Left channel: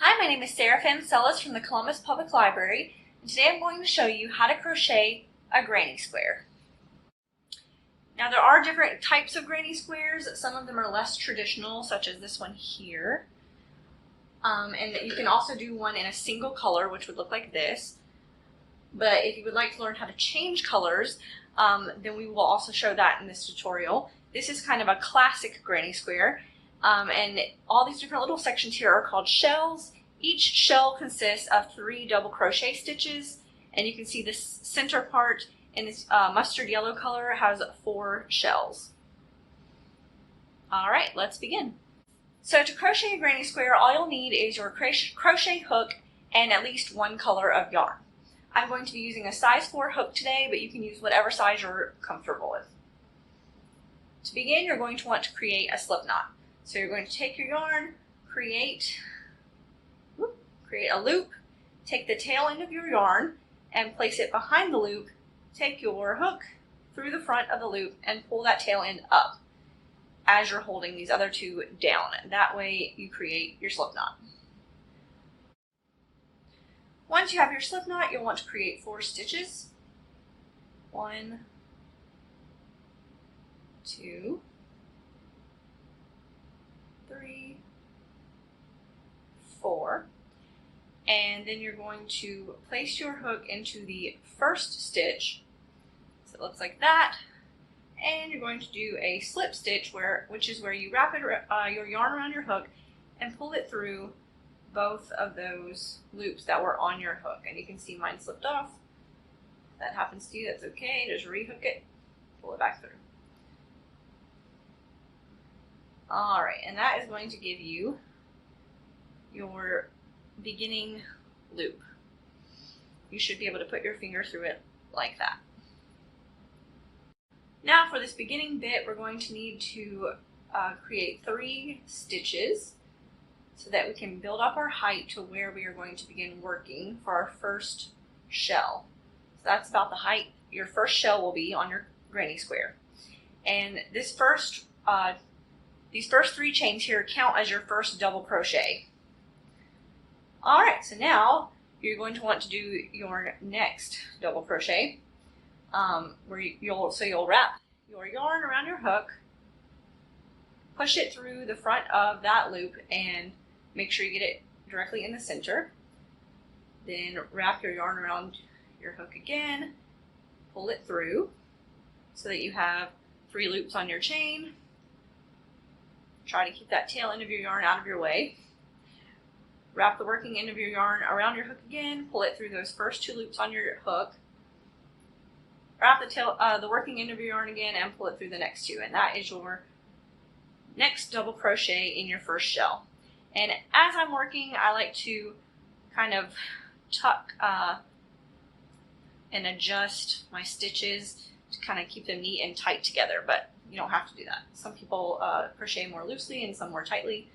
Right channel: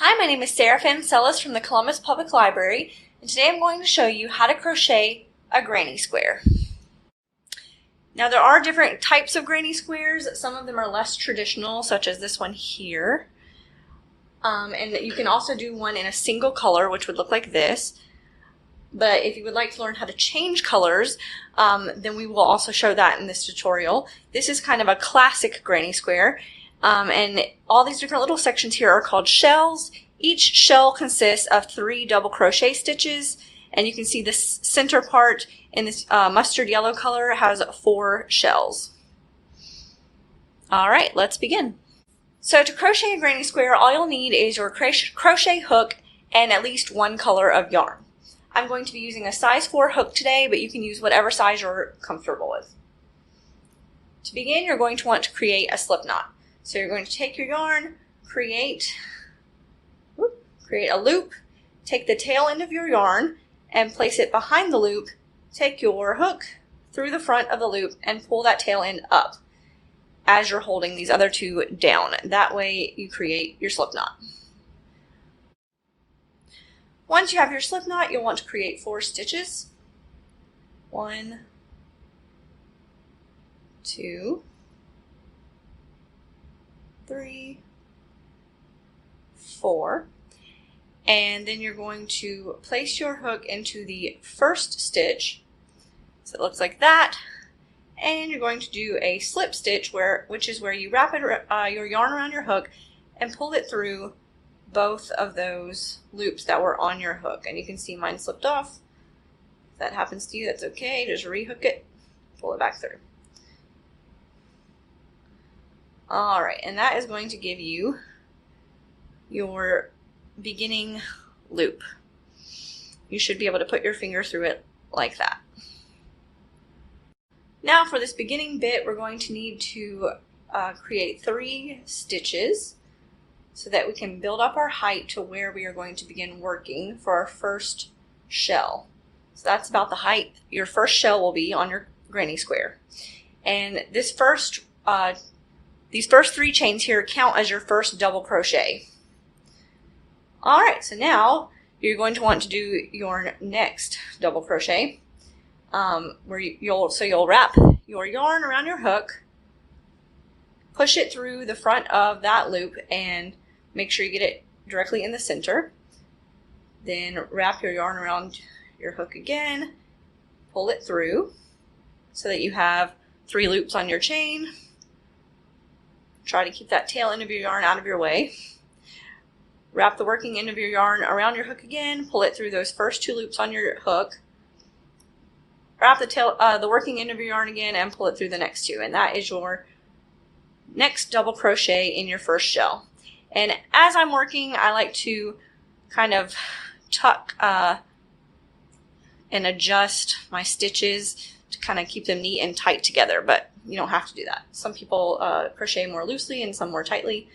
Hi, my name is Sarah Fancellis from the Columbus Public Library, and today I'm going to show you how to crochet a granny square. Now there are different types of granny squares. Some of them are less traditional, such as this one here. And you can also do one in a single color, which would look like this. But if you would like to learn how to change colors, then we will also show that in this tutorial. This is kind of a classic granny square. And all these different little sections here are called shells. Each shell consists of 3 double crochet stitches, and you can see this center part in this mustard yellow color has 4 shells. Alright, let's begin. So to crochet a granny square, all you'll need is your crochet hook and at least one color of yarn. I'm going to be using a size 4 hook today, but you can use whatever size you're comfortable with. To begin, you're going to want to create a slip knot. So you're going to take your yarn, create a loop, take the tail end of your yarn and place it behind the loop, take your hook through the front of the loop and pull that tail end up as you're holding these other 2 down. That way you create your slip knot. Once you have your slip knot, you'll want to create 4 stitches. 1, 2, 3, 4, and then you're going to place your hook into the first stitch, so it looks like that, and you're going to do a slip stitch, which is where you wrap your yarn around your hook and pull it through both of those loops that were on your hook. And you can see mine slipped off. If that happens to you, that's okay. Just rehook it, pull it back through. Alright, and that is going to give you your beginning loop. You should be able to put your finger through it like that. Now for this beginning bit, we're going to need to create 3 stitches so that we can build up our height to where we are going to begin working for our first shell. So that's about the height your first shell will be on your granny square. And these first 3 chains here count as your first double crochet. Alright, so now you're going to want to do your next double crochet, where you'll wrap your yarn around your hook, push it through the front of that loop and make sure you get it directly in the center. Then wrap your yarn around your hook again, pull it through so that you have 3 loops on your chain. Try to keep that tail end of your yarn out of your way. Wrap the working end of your yarn around your hook again, pull it through those first 2 loops on your hook. Wrap the working end of your yarn again and pull it through the next 2, and that is your next double crochet in your first shell. And as I'm working, I like to kind of tuck and adjust my stitches to kind of keep them neat and tight together, but you don't have to do that. Some people crochet more loosely and some more tightly,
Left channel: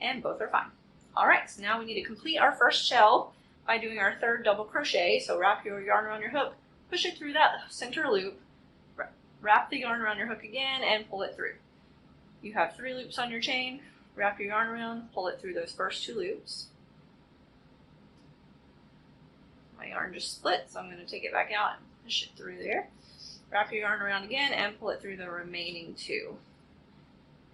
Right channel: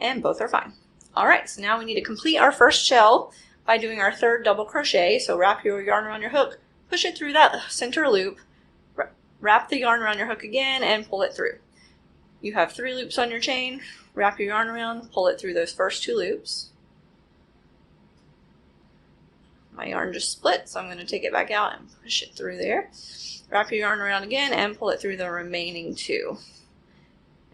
and both are fine. Alright, so now we need to complete our first shell by doing our 3rd double crochet. So wrap your yarn around your hook, push it through that center loop, wrap the yarn around your hook again and pull it through. You have 3 loops on your chain, wrap your yarn around, pull it through those first 2 loops. My yarn just split, so I'm going to take it back out and push it through there. Wrap your yarn around again and pull it through the remaining 2.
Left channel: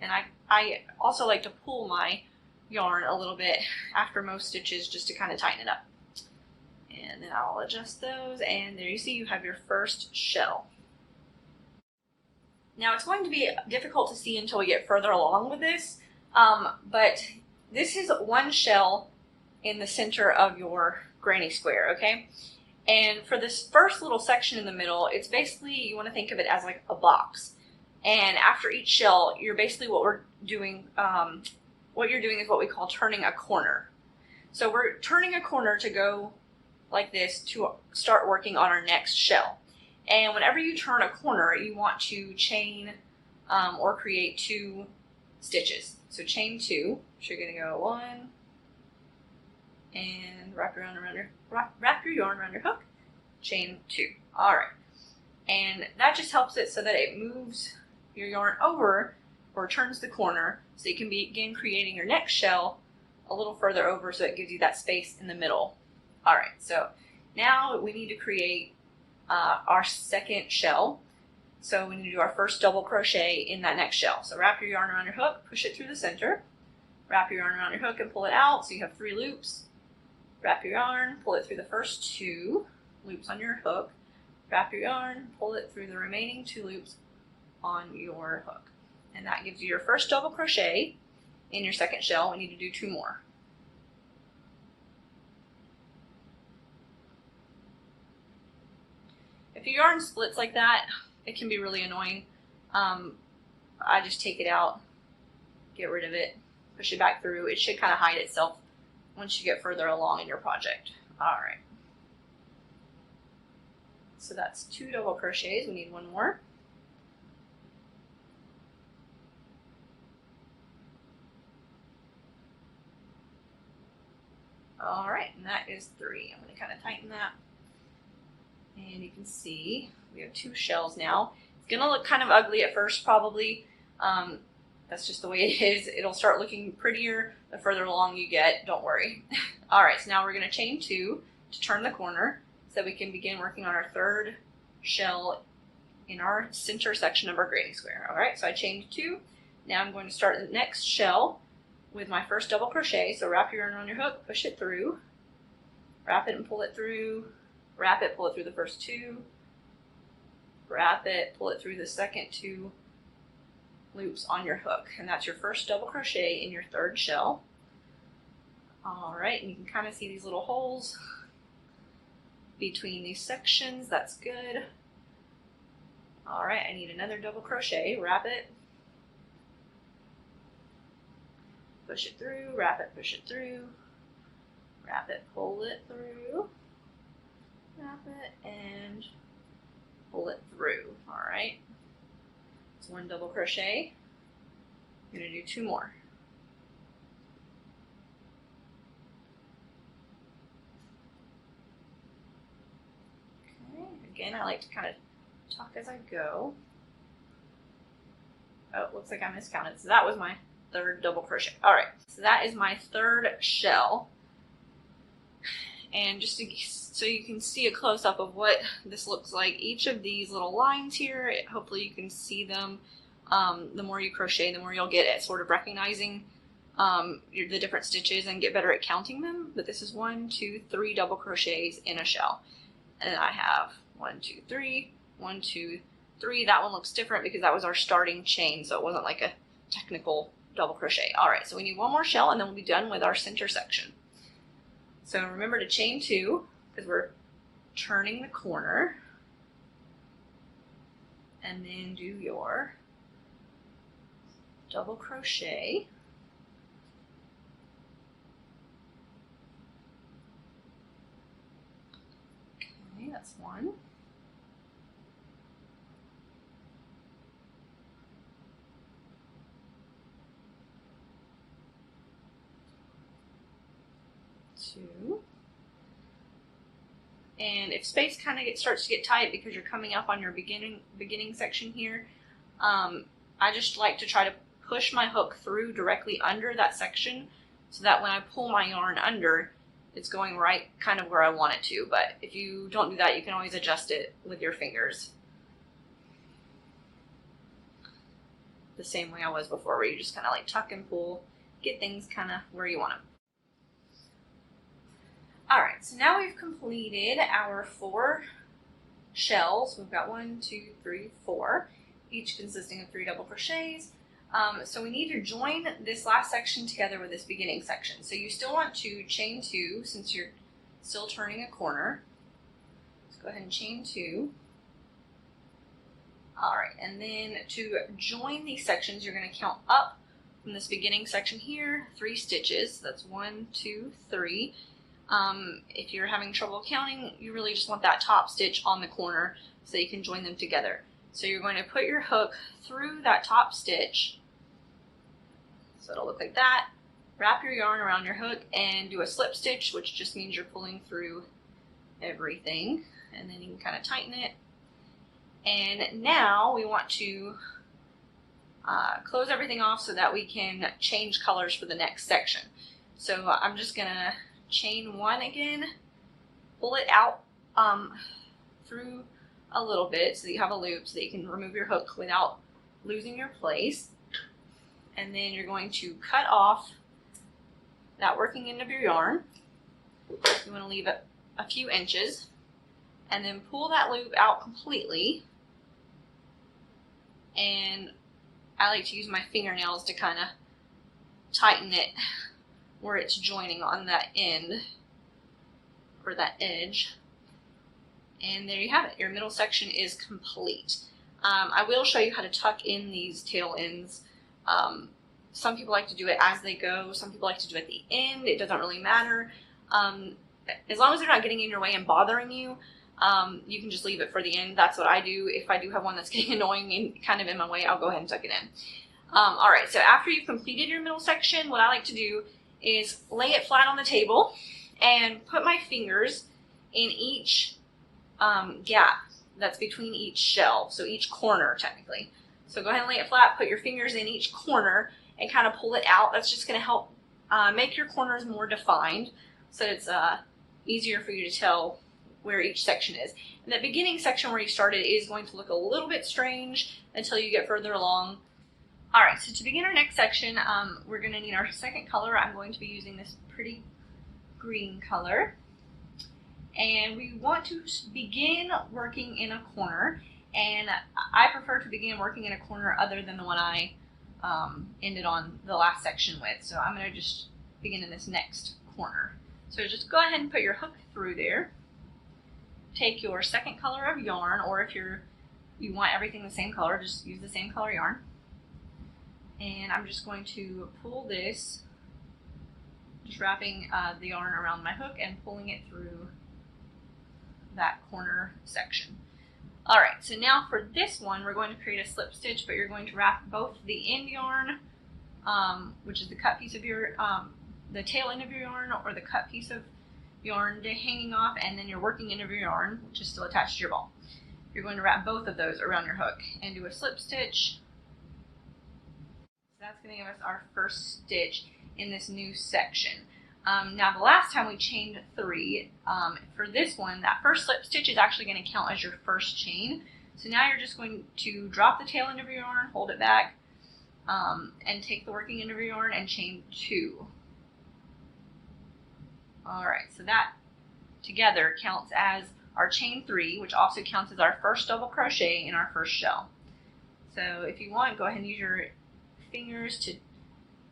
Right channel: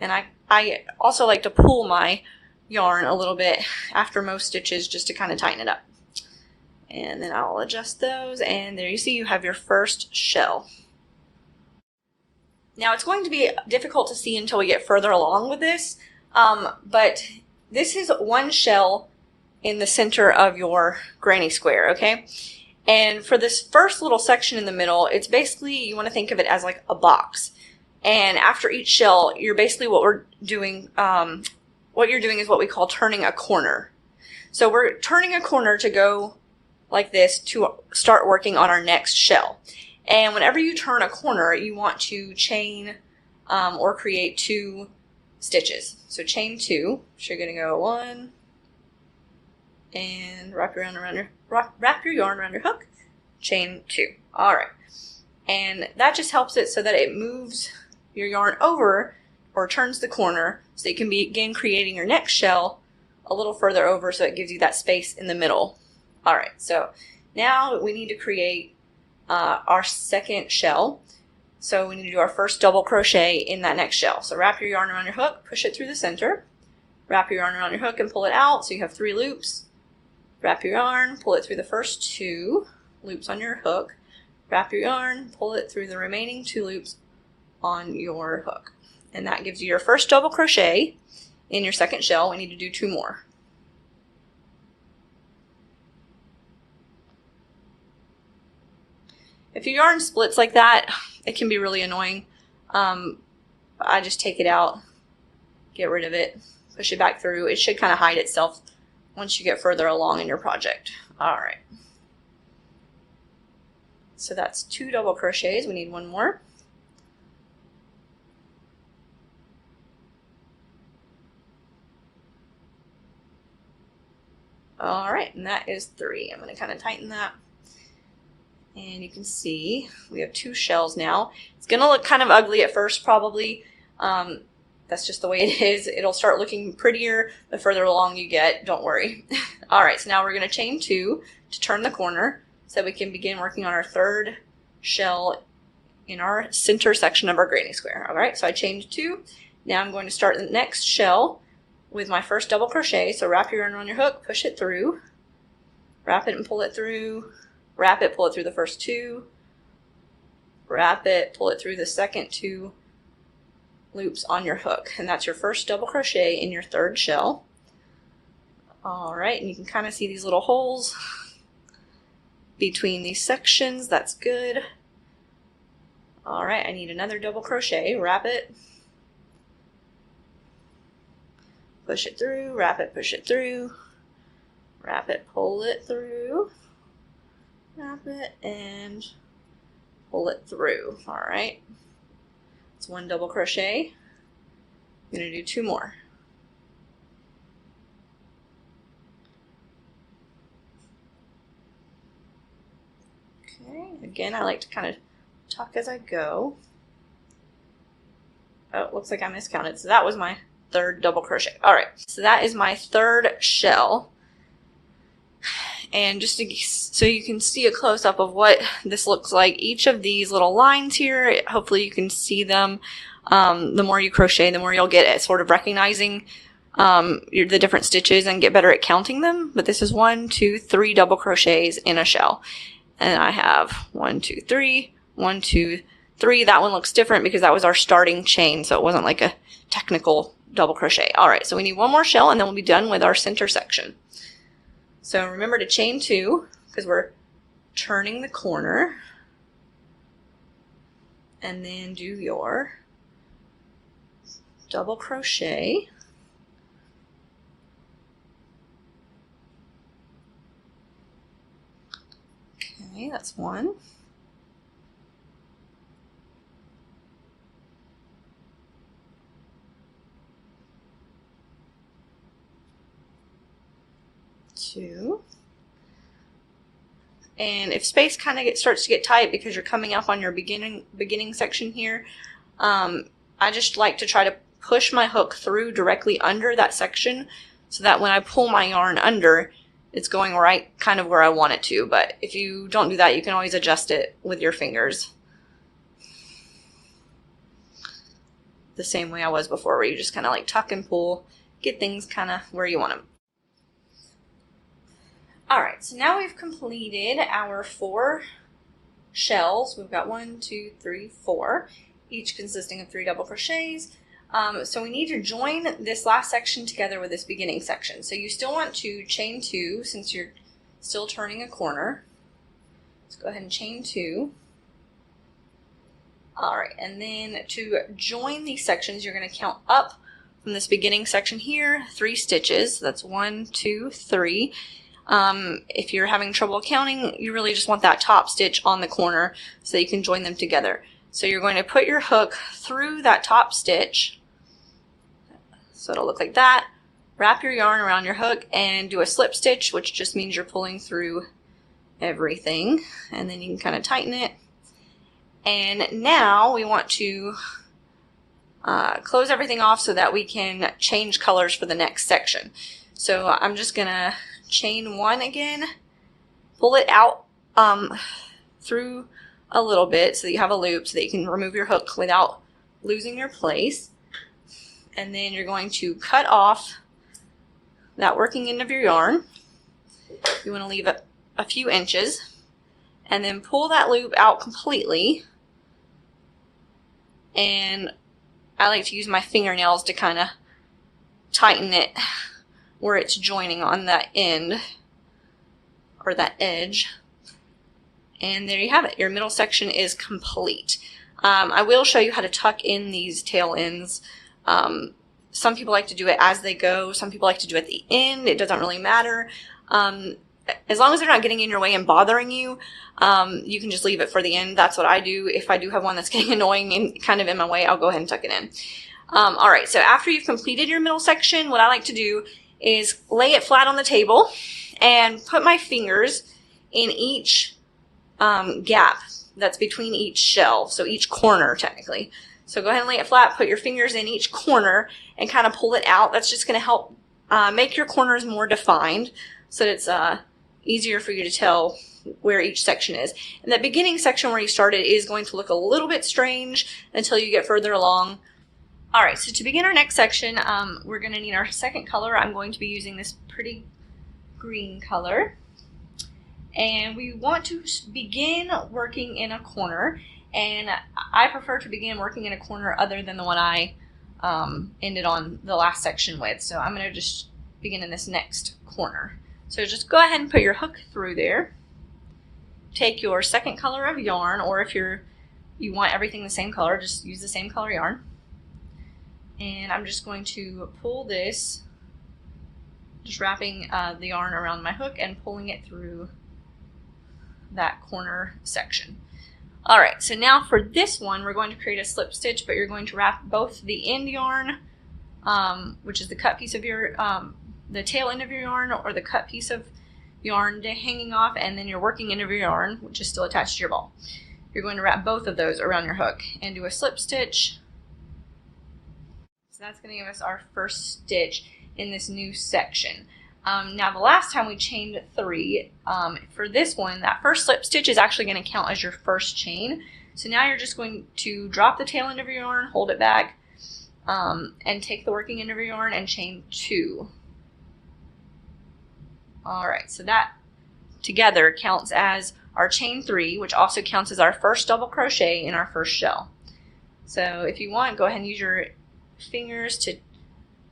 And I also like to pull my yarn a little bit after most stitches just to kind of tighten it up. And then I'll adjust those, and there you see you have your first shell. Now it's going to be difficult to see until we get further along with this, but this is 1 shell in the center of your granny square, okay? And for this first little section in the middle, it's basically, you want to think of it as like a box. And after each shell, you're basically what you're doing is what we call turning a corner. So we're turning a corner to go like this to start working on our next shell. And whenever you turn a corner, you want to chain or create 2 stitches. So chain 2, so you're going to go 1, and wrap your yarn around your hook, chain 2. Alright, and that just helps it so that it moves your yarn over or turns the corner so you can begin creating your next shell a little further over so it gives you that space in the middle. All right, so now we need to create our second shell. So we need to do our first double crochet in that next shell. So wrap your yarn around your hook, push it through the center, wrap your yarn around your hook and pull it out so you have 3 loops. Wrap your yarn, pull it through the first 2 loops on your hook, wrap your yarn, pull it through the remaining 2 loops on your hook. And that gives you your first double crochet in your second shell. We need to do 2 more. If your yarn splits like that, it can be really annoying. I just take it out, get rid of it, push it back through. It should kind of hide itself once you get further along in your project. All right. So that's 2 double crochets. We need 1 more. All right, and that is 3. I'm going to kind of tighten that. And you can see we have 2 shells now. It's going to look kind of ugly at first probably. That's just the way it is. It'll start looking prettier the further along you get. Don't worry. All right, so now we're going to chain 2 to turn the corner so that we can begin working on our 3rd shell in our center section of our granny square. All right, so I chained 2. Now I'm going to start the next shell with my first double crochet. So wrap your yarn around your hook, push it through, wrap it and pull it through, wrap it, pull it through the first 2, wrap it, pull it through the second 2 loops on your hook, and that's your first double crochet in your 3rd shell. All right, and you can kind of see these little holes between these sections. That's good. All right, I need another double crochet. Wrap it, push it through, wrap it, push it through, wrap it, pull it through, wrap it, and pull it through. All right, it's 1 double crochet. I'm going to do 2 more. Okay, again, I like to kind of tuck as I go. Oh, it looks like I miscounted. So that was my 3rd double crochet. All right, so that is my 3rd shell. And just so you can see a close-up of what this looks like, each of these little lines here, hopefully you can see them. The more you crochet, the more you'll get at sort of recognizing the different stitches and get better at counting them. But this is 1, 2, 3 double crochets in a shell. And I have 1, 2, 3, 1, 2, 3. That one looks different because that was our starting chain, so it wasn't like a technical double crochet. All right, so we need 1 more shell and then we'll be done with our center section. So remember to chain 2 because we're turning the corner, and then do your double crochet. Okay, that's 1. Two. And if space kind of starts to get tight because you're coming up on your beginning section here, I just like to try to push my hook through directly under that section so that when I pull my yarn under, it's going right kind of where I want it to. But if you don't do that, you can always adjust it with your fingers. The same way I was before, where you just kind of like tuck and pull, get things kind of where you want them. Alright, so now we've completed our 4 shells. We've got 1, 2, 3, 4, each consisting of 3 double crochets. So we need to join this last section together with this beginning section. So you still want to chain 2 since you're still turning a corner. Let's go ahead and chain 2. Alright, and then to join these sections, you're going to count up from this beginning section here, 3 stitches. That's 1, 2, 3. If you're having trouble counting, you really just want that top stitch on the corner so that you can join them together. So you're going to put your hook through that top stitch, so it'll look like that. Wrap your yarn around your hook and do a slip stitch, which just means you're pulling through everything, and then you can kind of tighten it. And now we want to close everything off so that we can change colors for the next section. So I'm just gonna chain 1 again, pull it out through a little bit so that you have a loop so that you can remove your hook without losing your place. And then you're going to cut off that working end of your yarn. You want to leave a few inches, and then pull that loop out completely. And I like to use my fingernails to kind of tighten it where it's joining on that end or that edge. And there you have it. Your middle section is complete. I will show you how to tuck in these tail ends. Some people like to do it as they go. Some people like to do it at the end. It doesn't really matter. As long as they're not getting in your way and bothering you, you can just leave it for the end. That's what I do. If I do have one that's getting annoying and kind of in my way, I'll go ahead and tuck it in. All right, so after you've completed your middle section, what I like to do is lay it flat on the table and put my fingers in each gap that's between each shell, so each corner technically. So go ahead and lay it flat, put your fingers in each corner and kind of pull it out. That's just going to help make your corners more defined so that it's easier for you to tell where each section is. And that beginning section where you started is going to look a little bit strange until you get further along. All right, so to begin our next section, we're going to need our second color. I'm going to be using this pretty green color. And we want to begin working in a corner, and I prefer to begin working in a corner other than the one I ended on the last section with. So I'm going to just begin in this next corner. So just go ahead and put your hook through there. Take your second color of yarn, or if you want everything the same color, just use the same color yarn. And I'm just going to pull this, just wrapping the yarn around my hook and pulling it through that corner section. All right, so now for this one, we're going to create a slip stitch, but you're going to wrap both the end yarn, which is the cut piece of your, the tail end of your yarn, or the cut piece of yarn hanging off, and then your working end of your yarn, which is still attached to your ball. You're going to wrap both of those around your hook and do a slip stitch. So that's going to give us our first stitch in this new section. Now the last time we chained 3, for this one, that first slip stitch is actually going to count as your first chain. So now you're just going to drop the tail end of your yarn, hold it back, and take the working end of your yarn and chain 2. Alright, so that together counts as our chain 3, which also counts as our first double crochet in our first shell. So if you want, go ahead and use your fingers to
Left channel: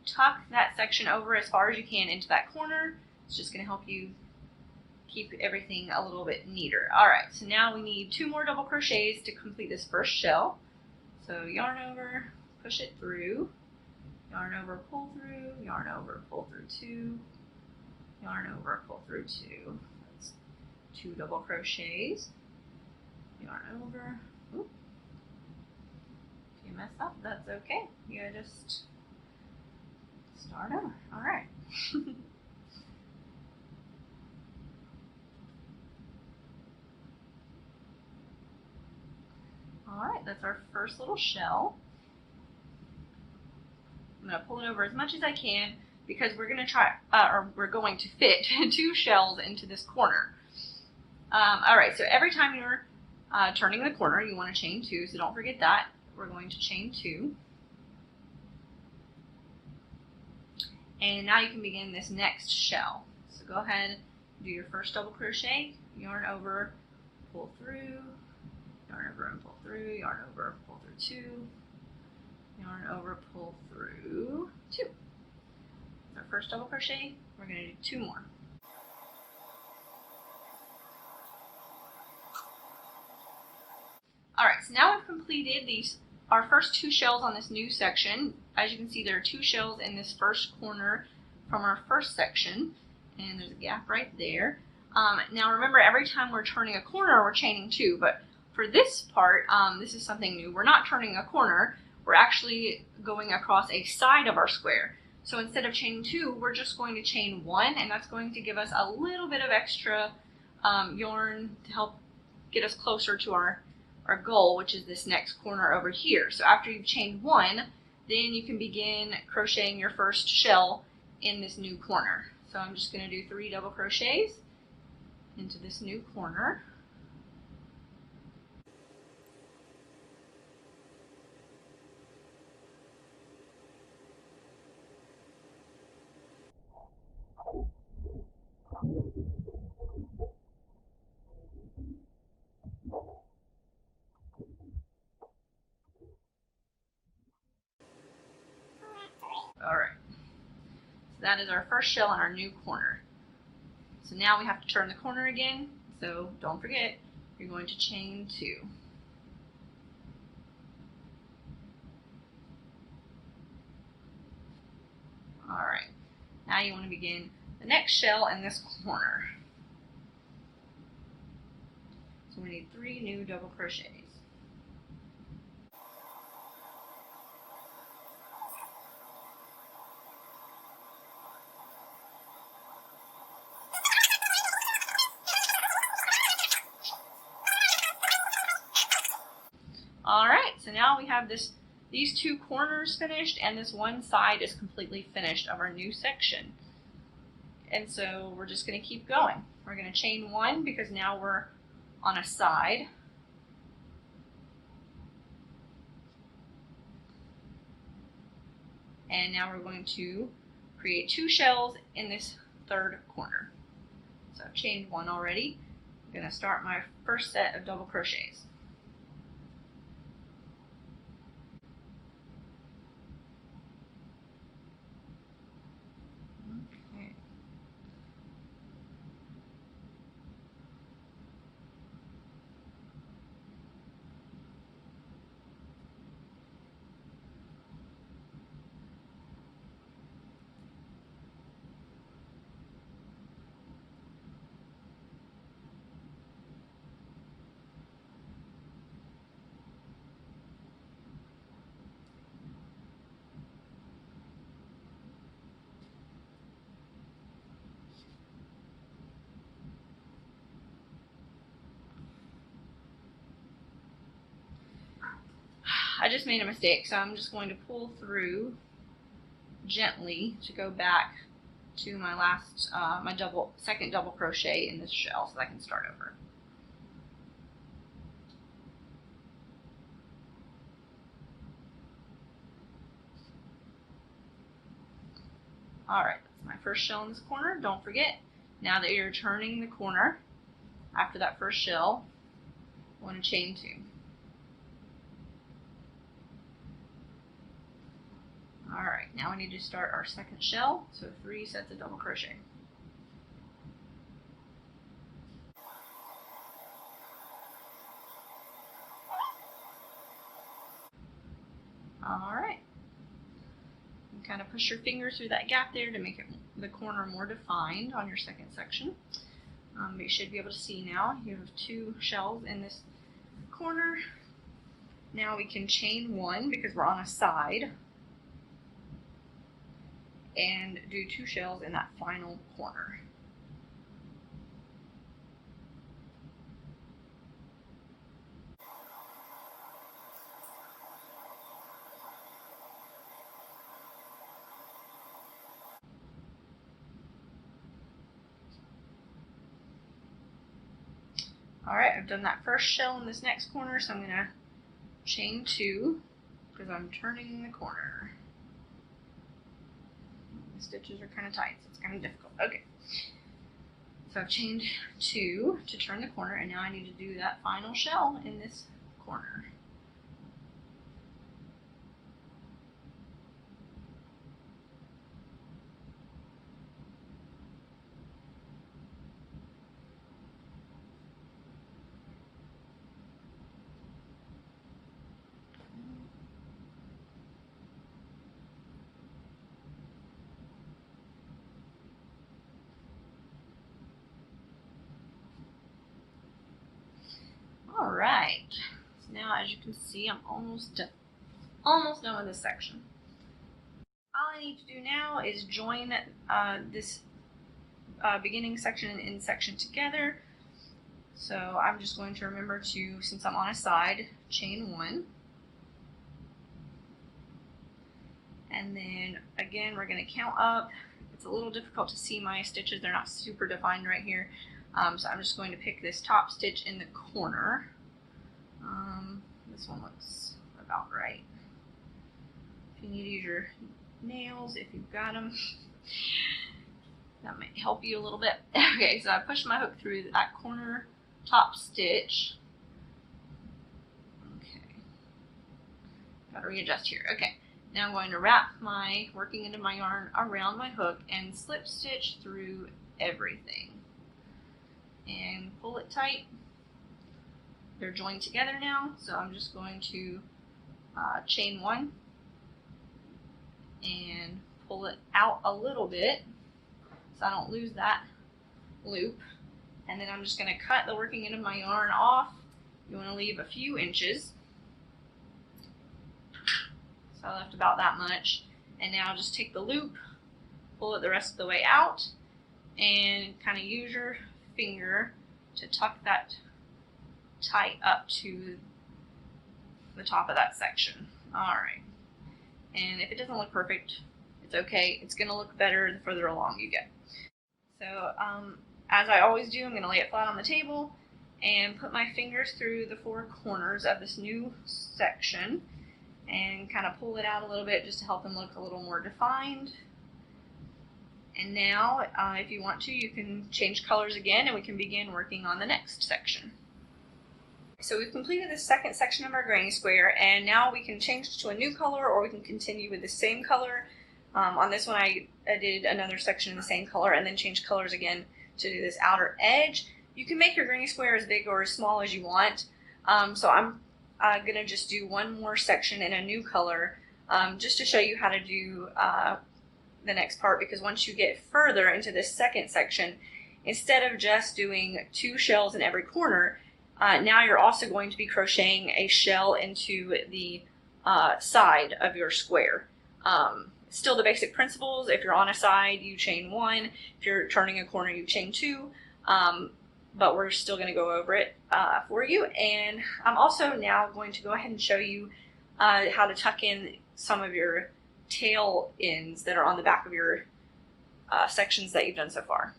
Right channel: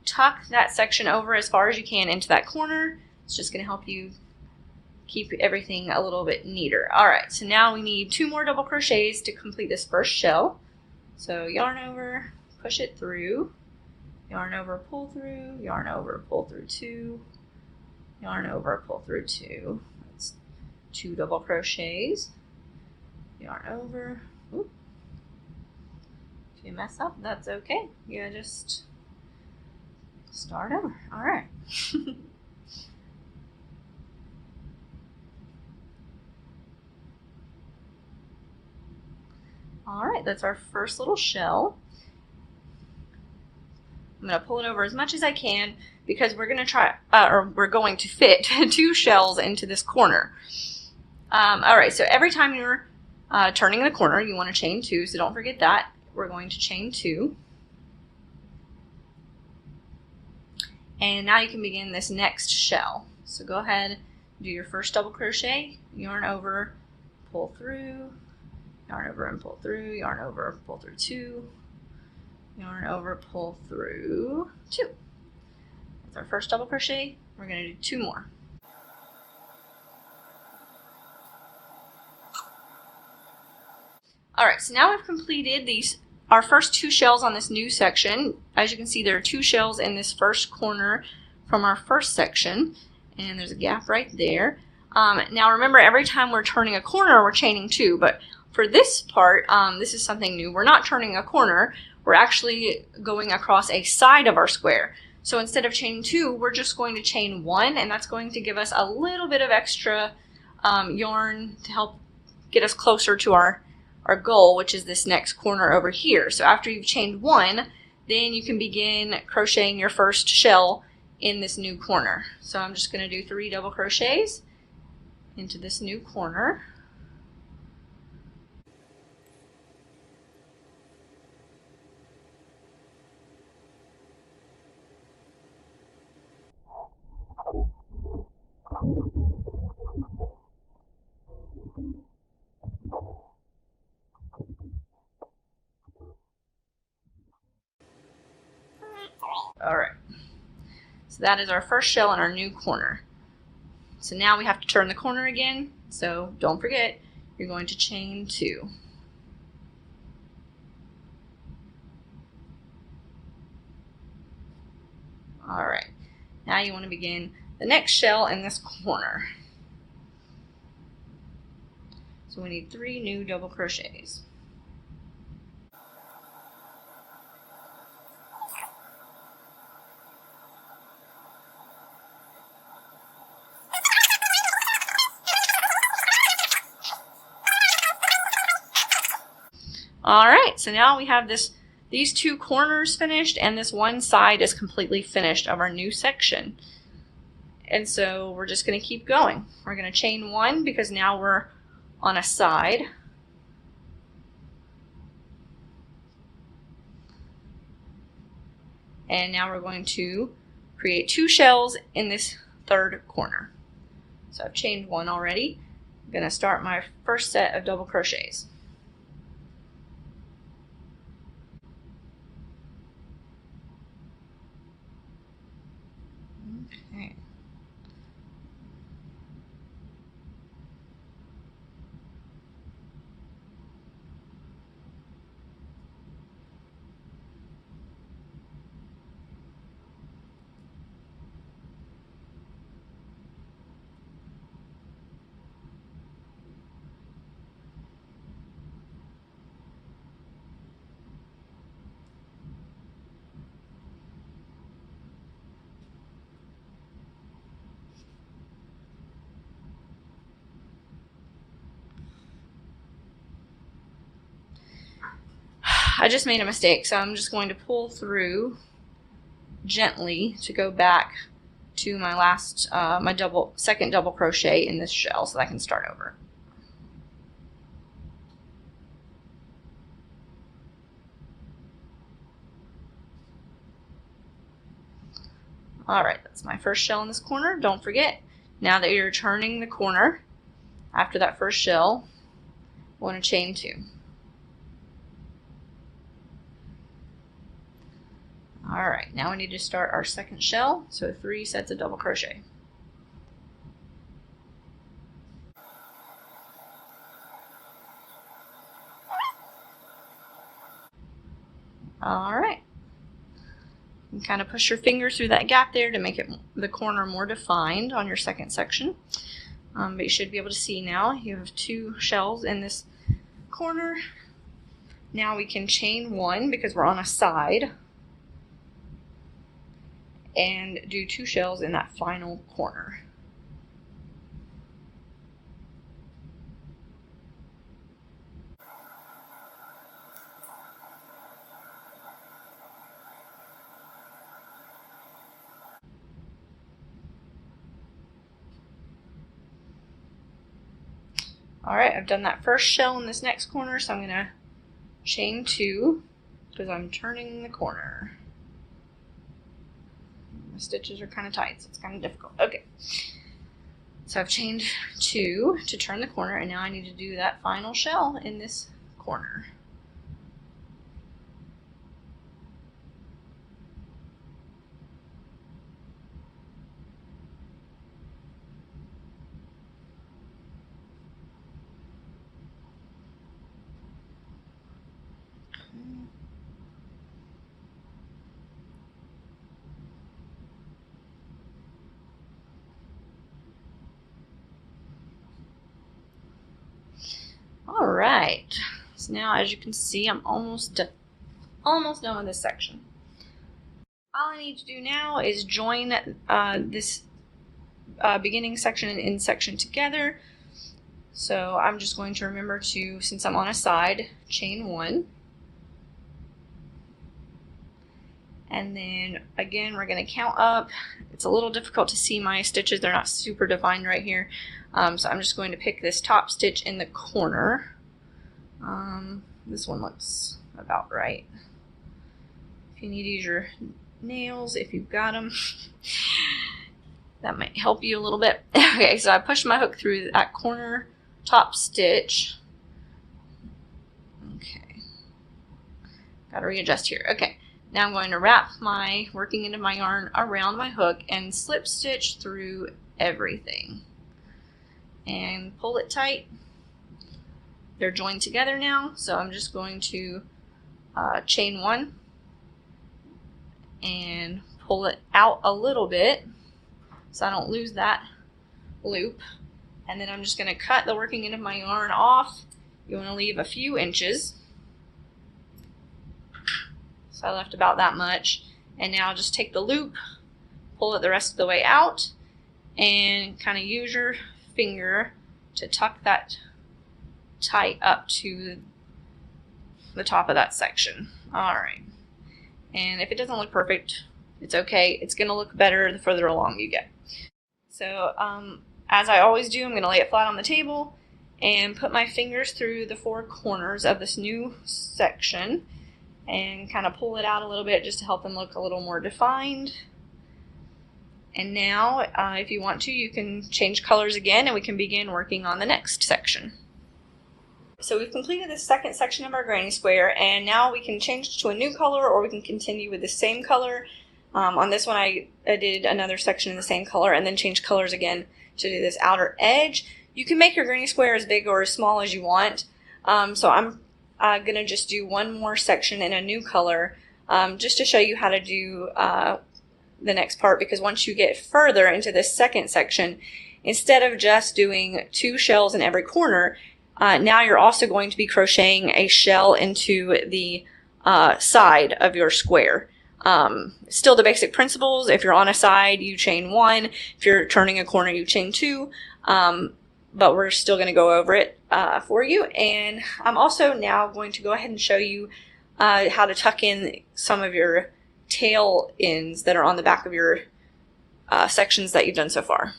tuck that section over as far as you can into that corner. It's just going to help you keep everything a little bit neater. Alright, so now we need 2 more double crochets to complete this first shell. So yarn over, push it through, yarn over, pull through, yarn over, pull through 2, yarn over, pull through 2. That's 2 double crochets, yarn over. Oop. If you mess up, that's okay. You just start over. All right. All right, that's our first little shell. I'm going to pull it over as much as I can because we're going to try, or we're going to fit 2 shells into this corner. All right, so every time you're turning the corner, you want to chain 2, so don't forget that. We're going to chain 2. And now you can begin this next shell. So go ahead, do your first double crochet, yarn over, pull through, yarn over and pull through, yarn over, pull through 2, yarn over, pull through 2. That's our first double crochet. We're going to do 2 more. Alright, so now we've completed our first 2 shells on this new section. As you can see, there are 2 shells in this first corner from our first section, and there's a gap right there. Now remember, every time we're turning a corner, we're chaining 2, but for this part, this is something new. We're not turning a corner, we're actually going across a side of our square. So instead of chaining 2, we're just going to chain 1, and that's going to give us a little bit of extra yarn to help get us closer to our goal, which is this next corner over here. So after you've chained 1, then you can begin crocheting your first shell in this new corner. So I'm just going to do 3 double crochets into this new corner. Alright, so that is our first shell in our new corner. So now we have to turn the corner again, so don't forget, you're going to chain 2. Alright, now you want to begin the next shell in this corner. So we need 3 new double crochets. Alright, so now we have these 2 corners finished, and this one side is completely finished of our new section. And so we're just going to keep going. We're going to chain 1 because now we're on a side. And now we're going to create 2 shells in this third corner. So I've chained 1 already. I'm going to start my first set of double crochets. Okay. I just made a mistake, so I'm just going to pull through gently to go back to my last, second double crochet in this shell so that I can start over. Alright, that's my first shell in this corner. Don't forget, now that you're turning the corner, after that first shell, you want to chain 2. Alright, now we need to start our second shell, so 3 sets of double crochet. Alright, you kind of push your finger through that gap there to make the corner more defined on your second section. But you should be able to see now you have 2 shells in this corner. Now we can chain 1 because we're on a side and do 2 shells in that final corner. Alright, I've done that first shell in this next corner, so I'm going to chain 2 because I'm turning the corner. The stitches are kind of tight, so it's kind of difficult. Okay, so I've chained 2 to turn the corner, and now I need to do that final shell in this corner. Alright, so now as you can see, I'm almost done with this section. All I need to do now is join this beginning section and end section together. So I'm just going to remember to, since I'm on a side, chain 1. And then again, we're going to count up. it's a little difficult to see my stitches. They're not super defined right here. So I'm just going to pick this top stitch in the corner. This one looks about right. If you need to use your nails, if you've got them, that might help you a little bit. Okay, so I pushed my hook through that corner top stitch. Okay, gotta readjust here. Okay, now I'm going to wrap my working end of my yarn around my hook and slip stitch through everything and pull it tight. They're joined together now, so I'm just going to chain one and pull it out a little bit so I don't lose that loop. And then I'm just going to cut the working end of my yarn off. You want to leave a few inches. So I left about that much. And now just take the loop, pull it the rest of the way out, and kind of use your finger to tuck that tight up to the top of that section. All right. And if it doesn't look perfect, it's okay. It's going to look better the further along you get. So as I always do, I'm going to lay it flat on the table and put my fingers through the four corners of this new section and kind of pull it out a little bit just to help them look a little more defined. And now, if you want to, you can change colors again and we can begin working on the next section. So we've completed the second section of our granny square, and now we can change to a new color or we can continue with the same color. On this one I did another section in the same color and then change colors again to do this outer edge. You can make your granny square as big or as small as you want. So I'm going to just do one more section in a new color just to show you how to do the next part, because once you get further into this second section, instead of just doing 2 shells in every corner, now you're also going to be crocheting a shell into the side of your square. Still the basic principles. If you're on a side, you chain 1. If you're turning a corner, you chain 2. But we're still going to go over it for you. And I'm also now going to go ahead and show you how to tuck in some of your tail ends that are on the back of your sections that you've done so far.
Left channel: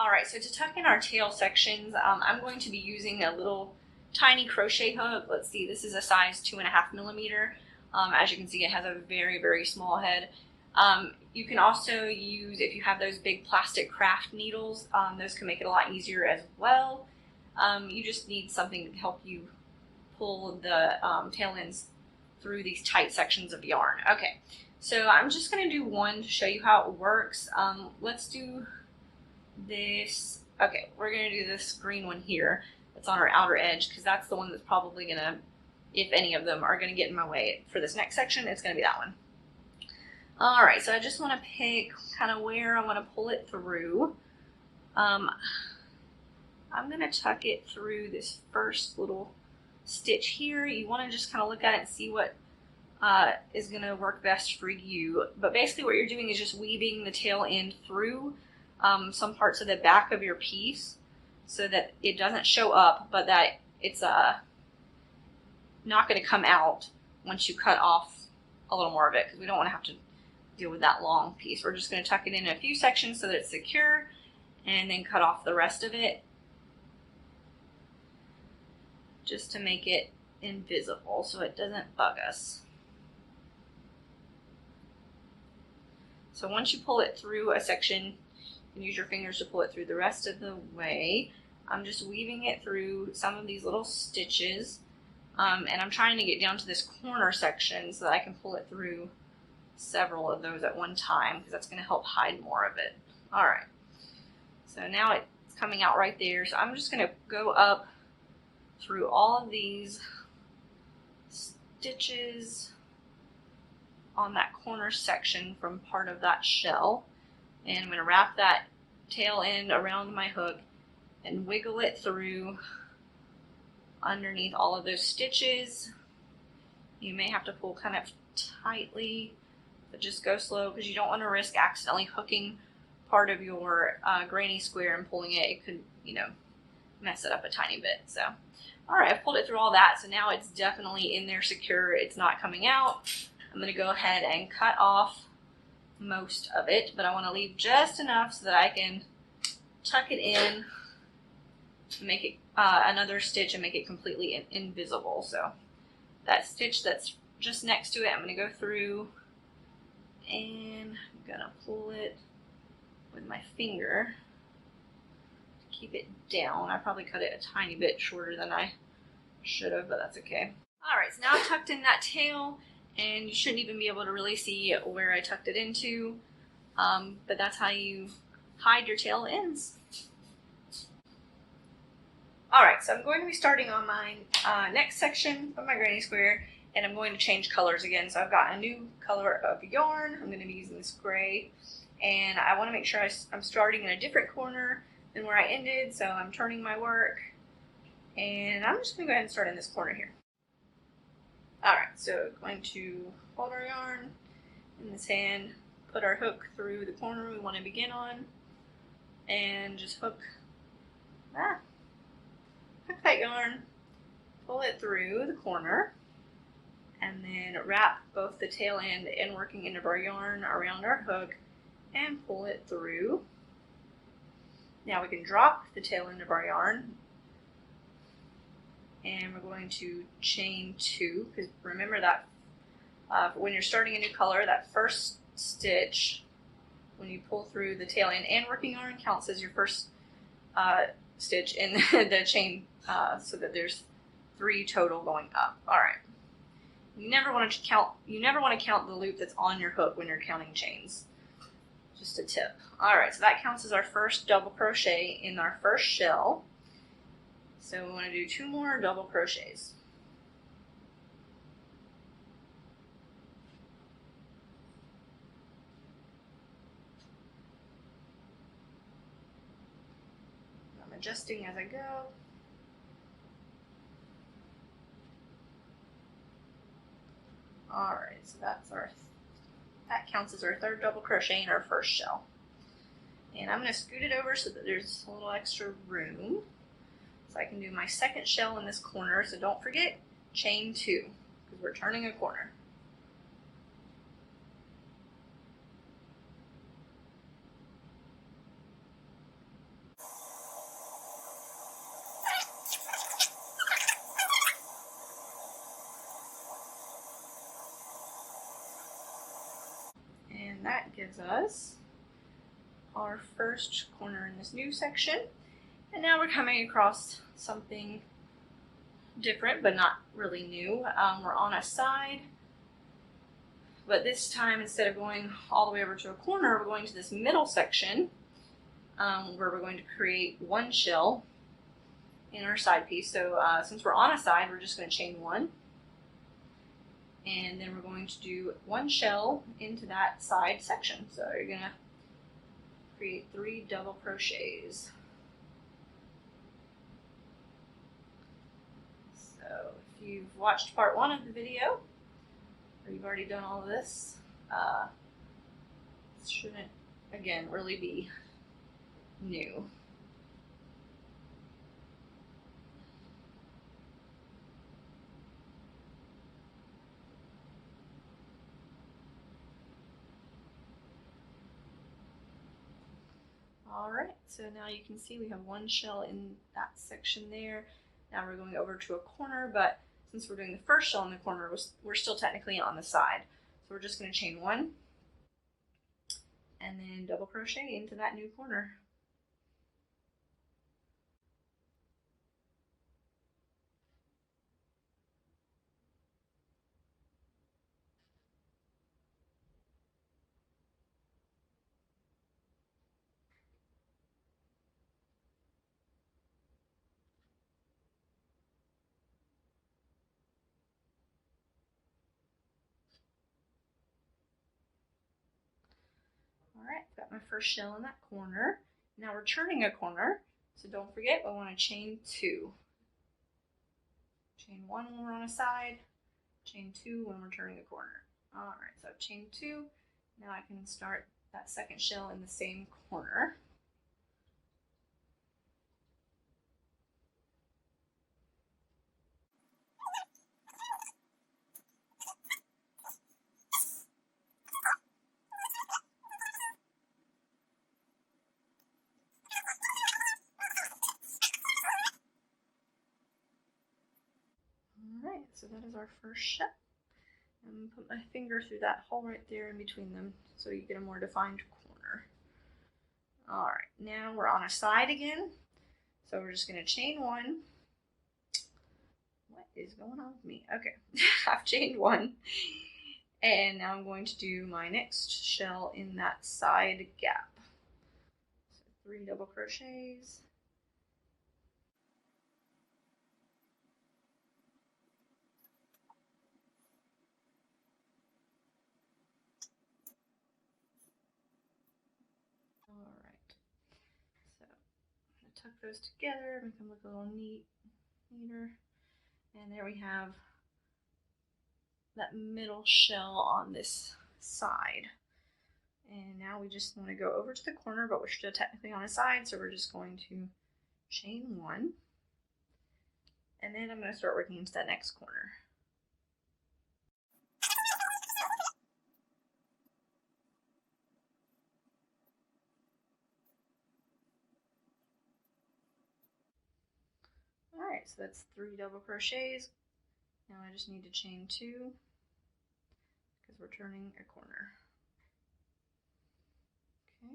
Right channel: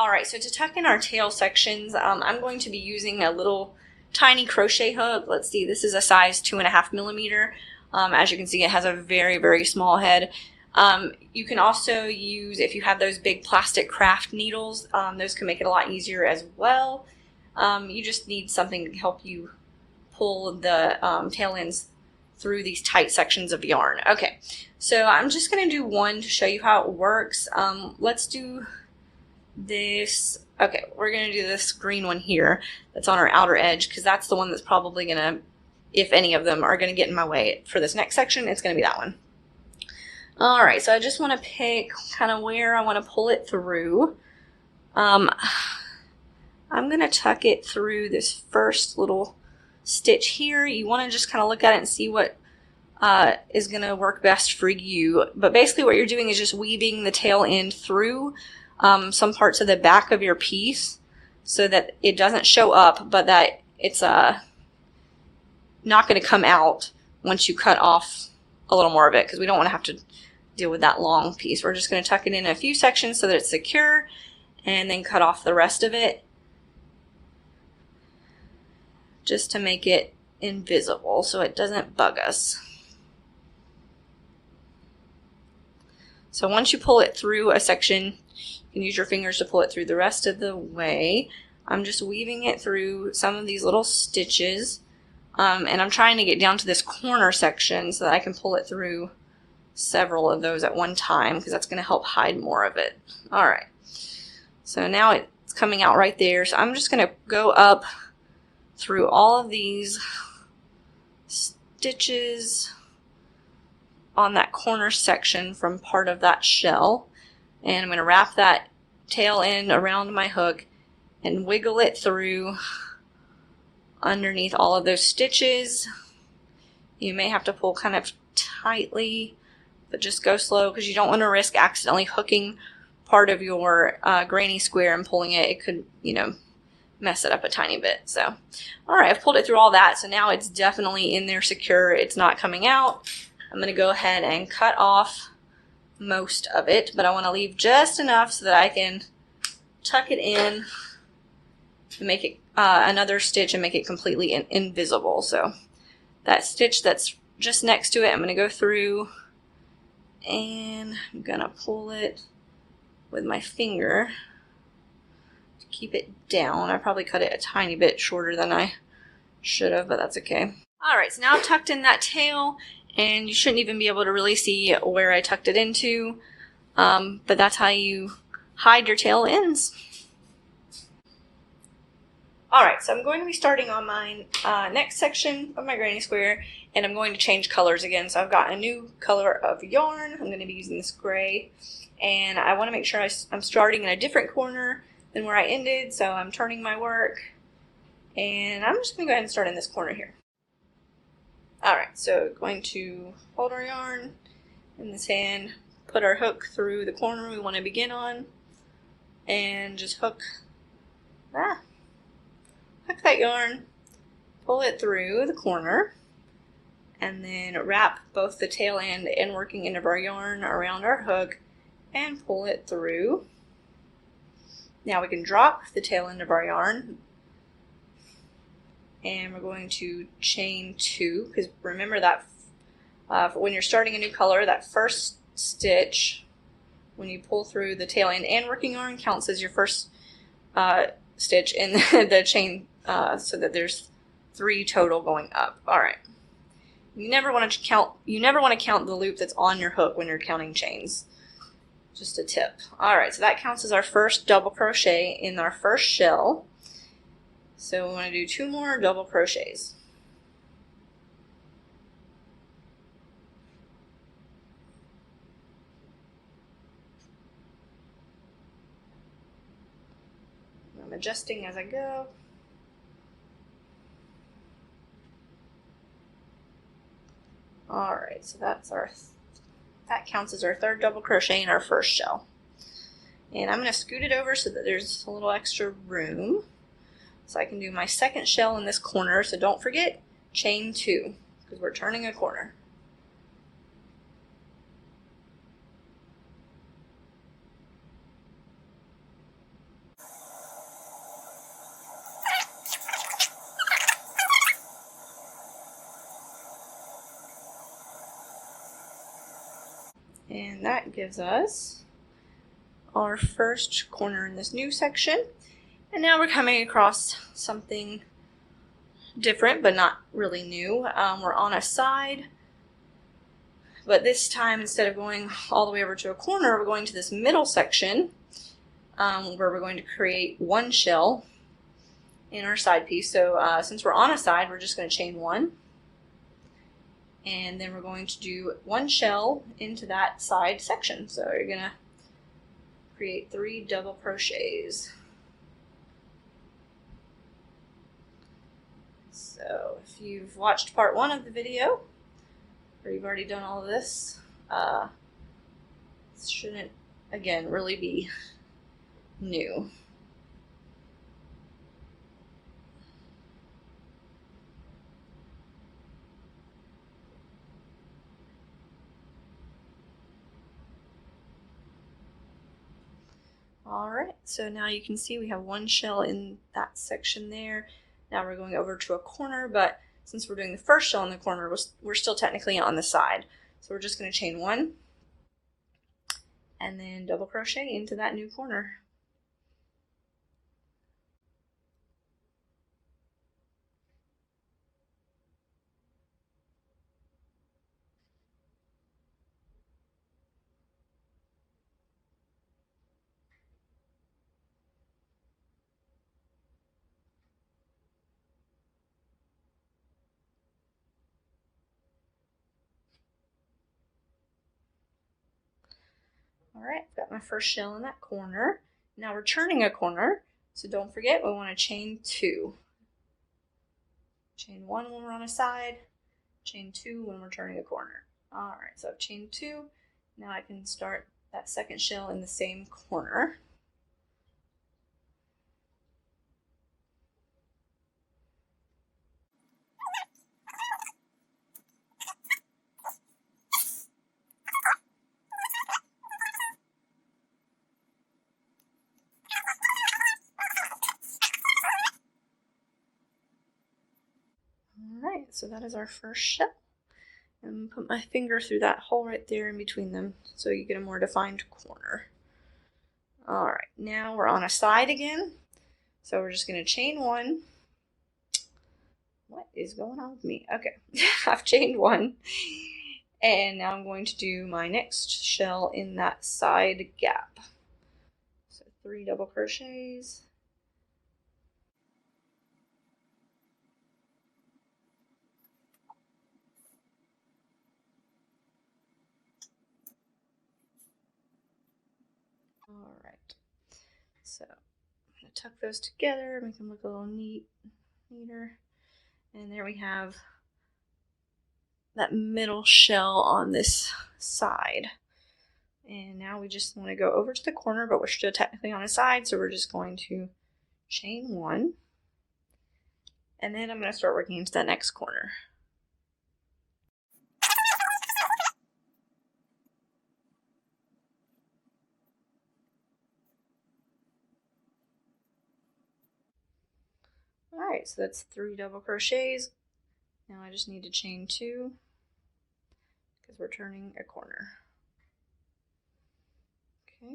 Alright, so to tuck in our tail sections, I'm going to be using a little tiny crochet hook. Let's see, this is a size 2.5 millimeter. As you can see, it has a very, very small head. You can also use, if you have those big plastic craft needles, those can make it a lot easier as well. You just need something to help you pull the tail ends through these tight sections of yarn. Okay, so I'm just going to do one to show you how it works. Let's do this. Okay, we're going to do this green one here that's on our outer edge, because that's the one that's probably going to, if any of them are going to get in my way for this next section, it's going to be that one. Alright, so I just want to pick kind of where I want to pull it through. I'm going to tuck it through this first little stitch here. You want to just kind of look at it and see what is going to work best for you. But basically what you're doing is just weaving the tail end through some parts of the back of your piece so that it doesn't show up, but that it's not going to come out once you cut off a little more of it, because we don't want to have to deal with that long piece. We're just going to tuck it in a few sections so that it's secure and then cut off the rest of it just to make it invisible so it doesn't bug us. So once you pull it through a section, you can use your fingers to pull it through the rest of the way. I'm just weaving it through some of these little stitches, and I'm trying to get down to this corner section so that I can pull it through several of those at one time, because that's going to help hide more of it. Alright, so now it's coming out right there, so I'm just going to go up through all of these stitches on that corner section from part of that shell, and I'm going to wrap that tail end around my hook and wiggle it through underneath all of those stitches. You may have to pull kind of tightly, but just go slow, because you don't want to risk accidentally hooking part of your granny square and pulling it. It could, you know, mess it up a tiny bit. So, alright, I've pulled it through all that, so now it's definitely in there secure. It's not coming out. I'm going to go ahead and cut off most of it, but I want to leave just enough so that I can tuck it in and make it another stitch and make it completely invisible. So that stitch that's just next to it, I'm going to go through and I'm going to pull it with my finger to keep it down. I probably cut it a tiny bit shorter than I should have, but that's okay. Alright, so now I've tucked in that tail, and you shouldn't even be able to really see where I tucked it into, but that's how you hide your tail ends. Alright, so I'm going to be starting on my next section of my granny square, and I'm going to change colors again. So I've got a new color of yarn. I'm going to be using this gray, and I want to make sure I'm starting in a different corner than where I ended, so I'm turning my work, and I'm just going to go ahead and start in this corner here. Alright, so going to hold our yarn in this hand, put our hook through the corner we want to begin on, and just hook that yarn, pull it through the corner, and then wrap both the tail end and working end of our yarn around our hook and pull it through. Now we can drop the tail end of our yarn, and we're going to chain 2, because remember that when you're starting a new color, that first stitch, when you pull through the tail end and working yarn, counts as your first stitch in the chain, so that there's 3 total going up. All right. You never want to count the loop that's on your hook when you're counting chains. Just a tip. All right, so that counts as our first double crochet in our first shell. So we want to do 2 more double crochets. I'm adjusting as I go. Alright, so that counts as our 3rd double crochet in our first shell. And I'm going to scoot it over so that there's a little extra room. So I can do my 2nd shell in this corner, so don't forget, chain 2, because we're turning a corner. And that gives us our first corner in this new section. And now we're coming across something different, but not really new. We're on a side, but this time, instead of going all the way over to a corner, we're going to this middle section, where we're going to create 1 shell in our side piece. So since we're on a side, we're just going to chain 1. And then we're going to do 1 shell into that side section. So you're going to create 3 double crochets. So if you've watched part 1 of the video, or you've already done all of this, this shouldn't, again, really be new. Alright, so now you can see we have 1 shell in that section there. Now we're going over to a corner, but since we're doing the first shell in the corner, we're still technically on the side. So we're just going to chain 1 and then double crochet into that new corner. Alright, I've got my first shell in that corner. Now we're turning a corner, so don't forget we want to chain 2. Chain 1 when we're on a side, chain 2 when we're turning a corner. Alright, so I've chained 2. Now I can start that 2nd shell in the same corner. so that is our first shell. And put my finger through that hole right there in between them so you get a more defined corner. All right, now we're on a side again. So we're just going to chain one. What is going on with me? Okay, I've chained one. And now I'm going to do my next shell in that side gap. So 3 double crochets. All right, so I'm going to tuck those together, make them look a little neater. And there we have that middle shell on this side. And now we just want to go over to the corner, but we're still technically on the side, so we're just going to chain one. And then I'm going to start working into that next corner. Alright, so that's 3 double crochets. Now I just need to chain 2 because we're turning a corner. Okay.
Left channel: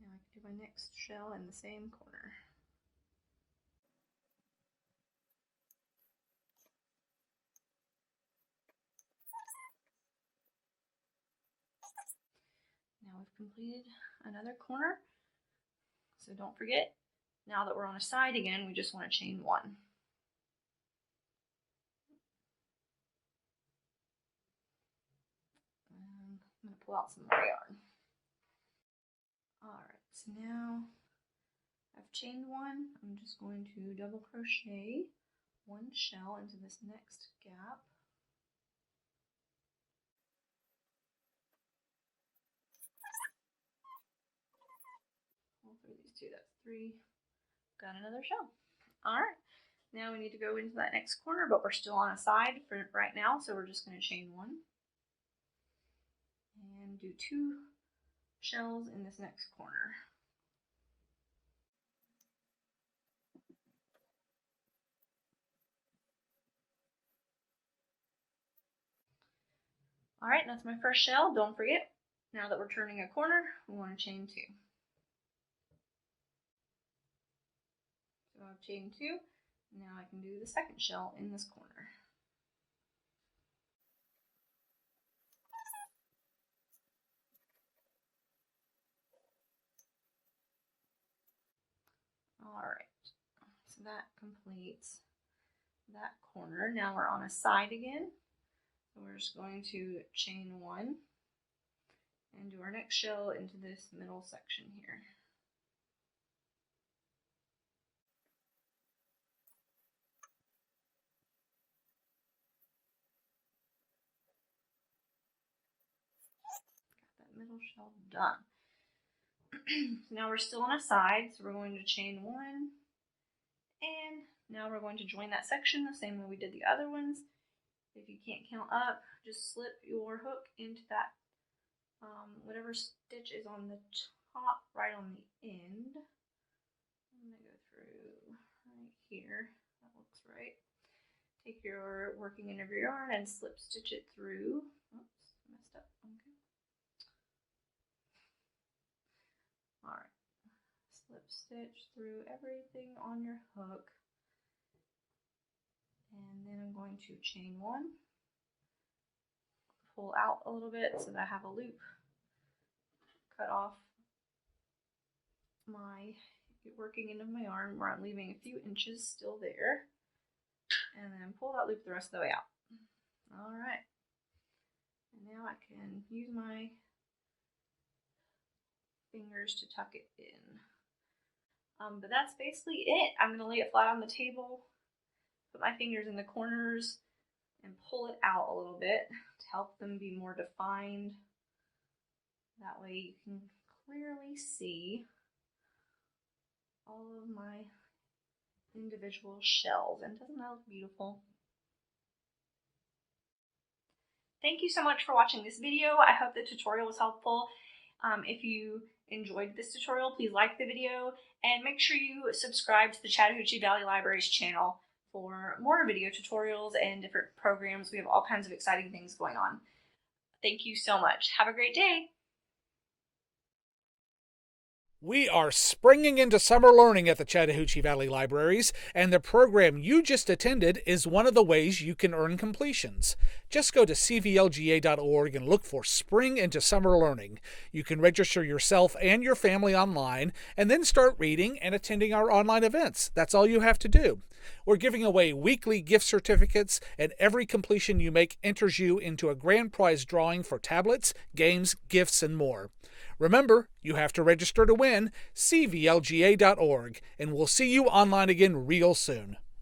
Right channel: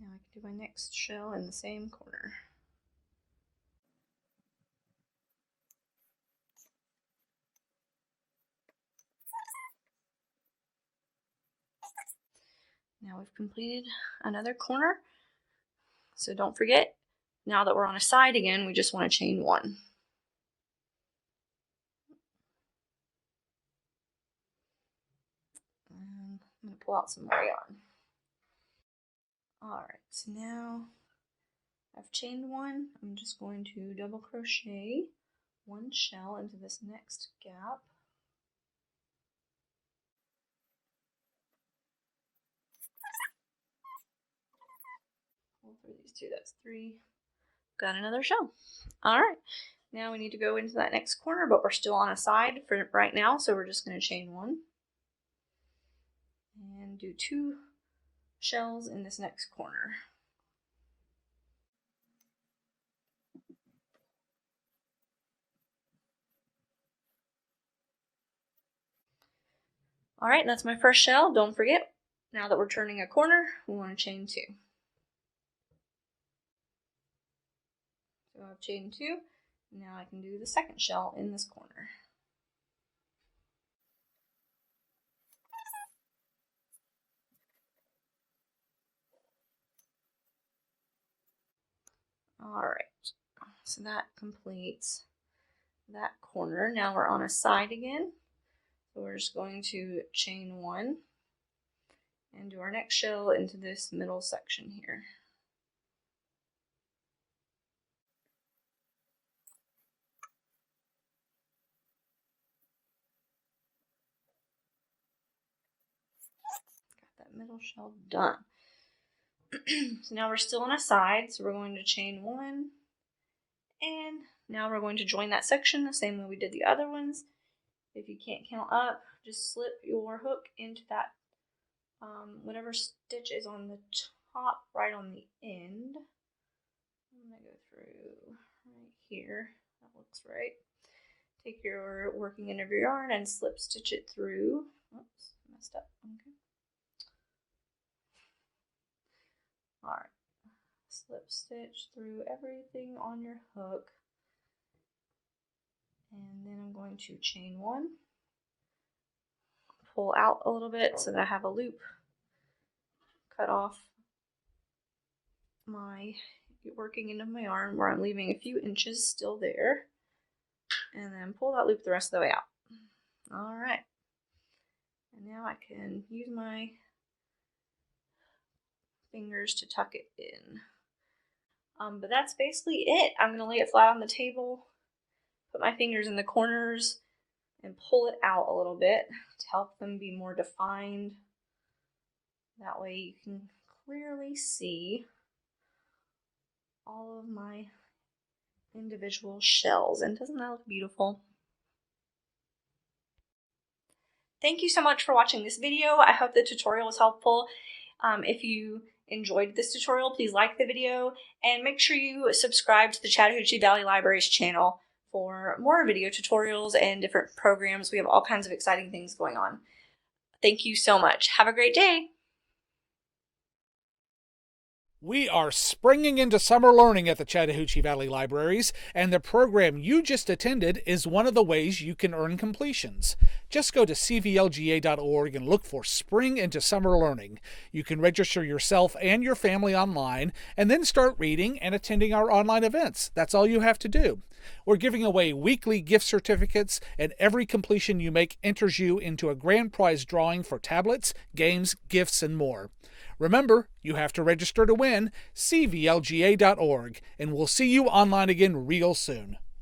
Now I can do my next shell in the same corner. Now we've completed another corner. So don't forget, now that we're on a side again, we just want to chain 1. And I'm going to pull out some more yarn. Alright, so now I've chained 1. I'm just going to double crochet 1 shell into this next gap. Pull through these 2, that's 3. Got another shell. Alright, now we need to go into that next corner, but we're still on a side for right now, so we're just going to chain 1 and do 2 shells in this next corner. Alright, that's my first shell. Don't forget, now that we're turning a corner, we want to chain 2. So I'll chain 2. Now I can do the second shell in this corner. Alright, so that completes that corner. Now we're on a side again. So we're just going to chain 1 and do our next shell into this middle section here. Got that middle shell done. So now we're still on a side, so we're going to chain 1, and now we're going to join that section the same way we did the other ones. If you can't count up, just slip your hook into that whatever stitch is on the top, right on the end. I'm going to go through right here. That looks right. Take your working end of your yarn and slip stitch it through. Oops, messed up. Okay. Alright. Slip stitch through everything on your hook. And then I'm going to chain 1. Pull out a little bit so that I have a loop. Cut off my working end of my yarn where I'm leaving a few inches still there. And then pull that loop the rest of the way out. Alright. And now I can use my fingers to tuck it in. But that's basically it. I'm going to lay it flat on the table, put my fingers in the corners, and pull it out a little bit to help them be more defined. That way you can clearly see all of my individual shells. And doesn't that look beautiful? Thank you so much for watching this video. I hope the tutorial was helpful. If you enjoyed this tutorial, please like the video and make sure you subscribe to the Chattahoochee Valley Library's channel for more video tutorials and different programs. We have all kinds of exciting things going on. Thank you so much. Have a great day. We are springing into summer learning at the Chattahoochee Valley Libraries, and the program you just attended is one of the ways you can earn completions. Just go to cvlga.org and look for Spring into Summer Learning. You can register yourself and your family online, and then start reading and attending our online events. That's all you have to do. We're giving away weekly gift certificates, and every completion you make enters you into a grand prize drawing for tablets, games, gifts, and more. Remember, you have to register to win. cvlga.org, and we'll see you online again real soon.